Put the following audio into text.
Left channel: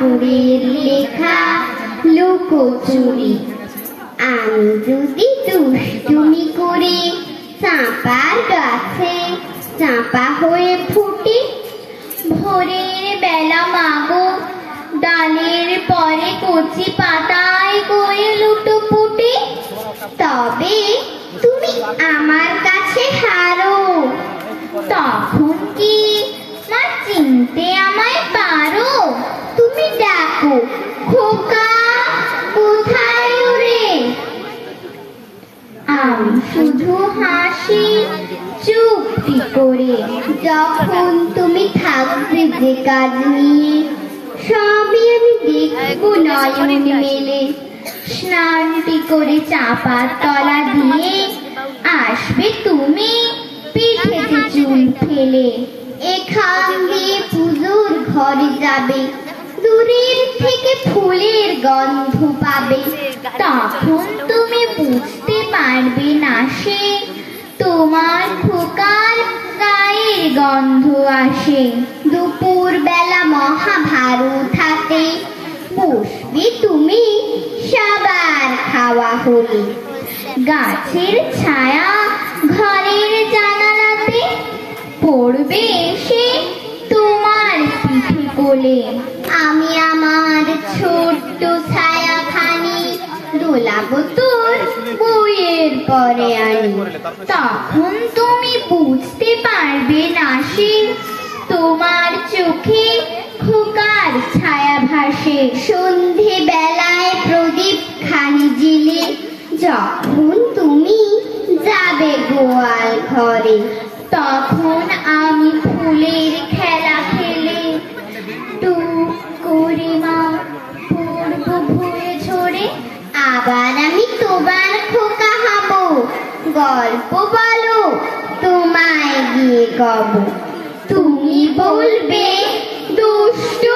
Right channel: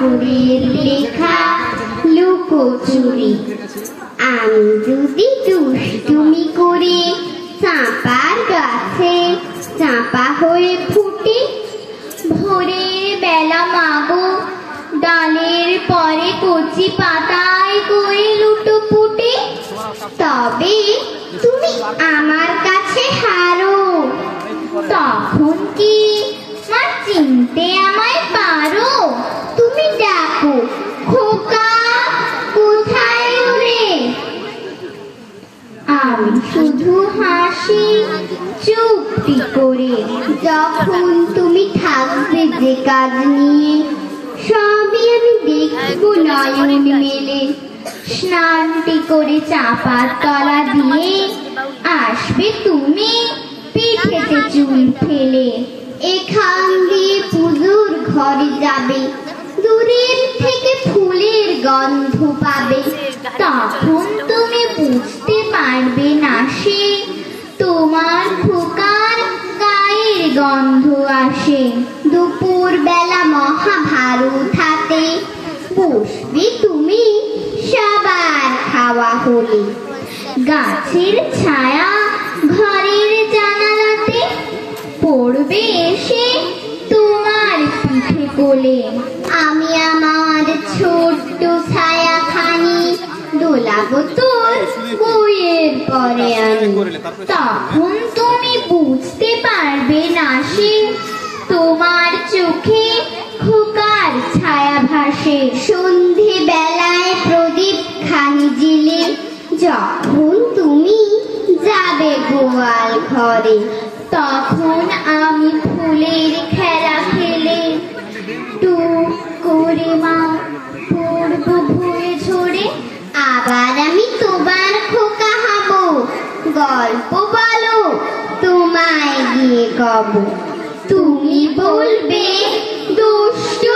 ঠাকুরের লেখা লুকোচুরি। আমি যদি দুষ্টুমি করে চাঁপার গাছে চাঁপা হয়ে ফুটি, ভোরের বেলা মাগো ডালের পরে কচি পাতায় করে লুটোপুটি, তবে তুমি আমার কাছে হারো। তখন কি মা চিনতে আমায় পারো? তুমি ডাকো, খোকা কোথায় রে? আমি শুধু হাসি চুপটি করে। যখন তুমি থাকবে যে কাজ নিয়ে, সবই আমি দেখবো নয়ন মেলে। স্নানটি করে চাপার তলা দিয়ে আসবে তুমি পিঠেতে চুল ফেলে। এখান দিয়ে পুজোর ঘরে যাবে, দূরের থেকে ফুলের গন্ধ পাবে। তখন তুমি বুঝতে পারবে না সে তোমার খোকার গায়ের গন্ধ আসে। দুপুর বেলা মহাভারত হাতে বসবে তুমি সবার খাওয়া হলে। গাছের ছায়া ঘরের জানালাতে পড়বে এসে তোমার পিঠে কোলে। আমি আমার ছোট্ট ছায়াখানি দোলাবো তোর বইয়ের পরে আনি। তখন তুমি বুঝতে পারবে না সে তোমার চোখে খোকার ছায়া ভাসে। সন্ধে বেলায় প্রদীপ খানি জেলে যখন তুমি যাবে গোয়াল ঘরে, তখন আমি ফুলের খেলা খেলে টুক করে মা পড়বো ভুলে ঝরে। আবার আমি তোমার খোকা হব, গল্প বলো তোমায় গিয়ে কব। তুমি বলবে দুষ্টু